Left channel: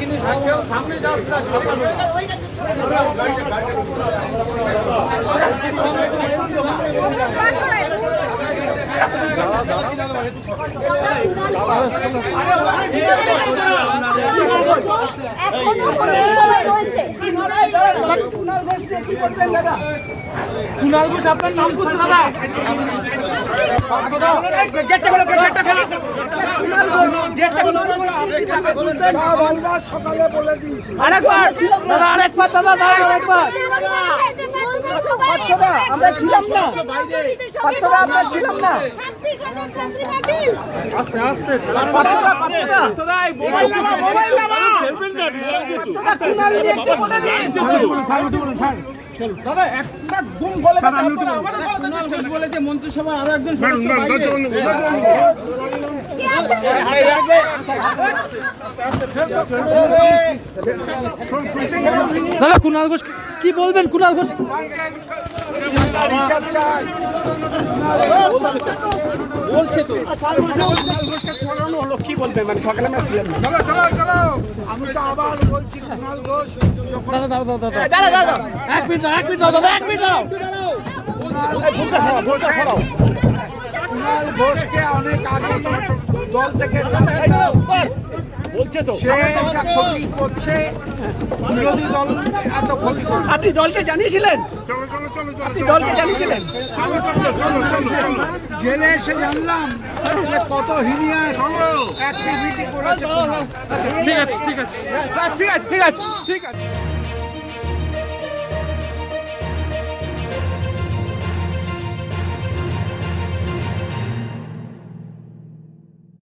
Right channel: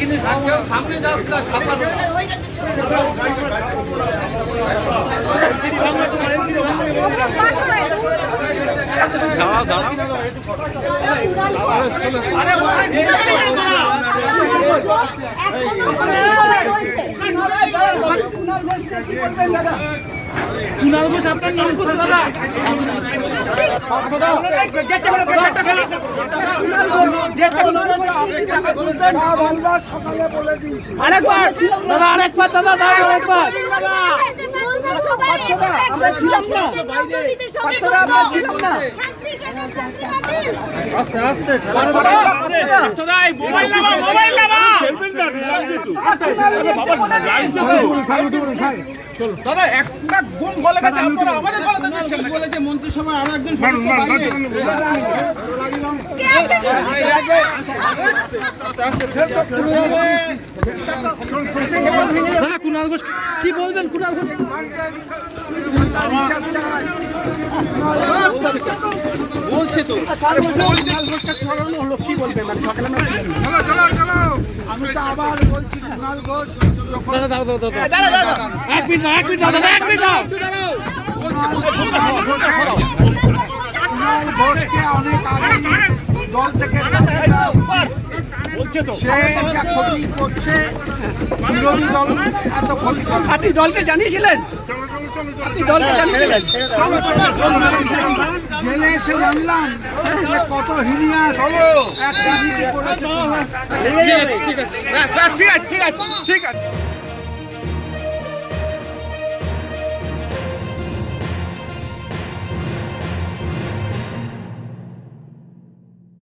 কিন্তু সামনে দাঁড়াও দাঁড়াও চলে কুনাল ঘোষ আপনার নাম করছে দাদা সকালে বলে দিয়েছি আরেকবার দাদা আরেকবার দাদা দাও আরেকবার আমরা ছিলাম না আমরা ছিলাম না আস্তে আস্তে দাদা মোবাইল নামা খেলবেন না লাইন তো চলো দাদা একটা গুণ বলে কথা আপনারা আমাদের বলে বলেছে মন্ত্রিসভা আরো একজন সদস্য দাদা কুনাল ঘোষ কি বলবেন কুনাল ঘোষ হিসাব চাই বলছে তো কি বলবে মানে সকালে আমি তো আবার বলছি কুনাল ঘোষ এক মিনিট কুনাল ঘোষকে অনেক আগে দল থেকে সে যা ক্ষতি করছে বিরোধী দল এত ক্ষতি করে আপনি দলকে জানিয়েছিলেন জেলে এসে জানলাম যে কত হিনিয়াস এক রাজনীতি করেছে ঠিক আছে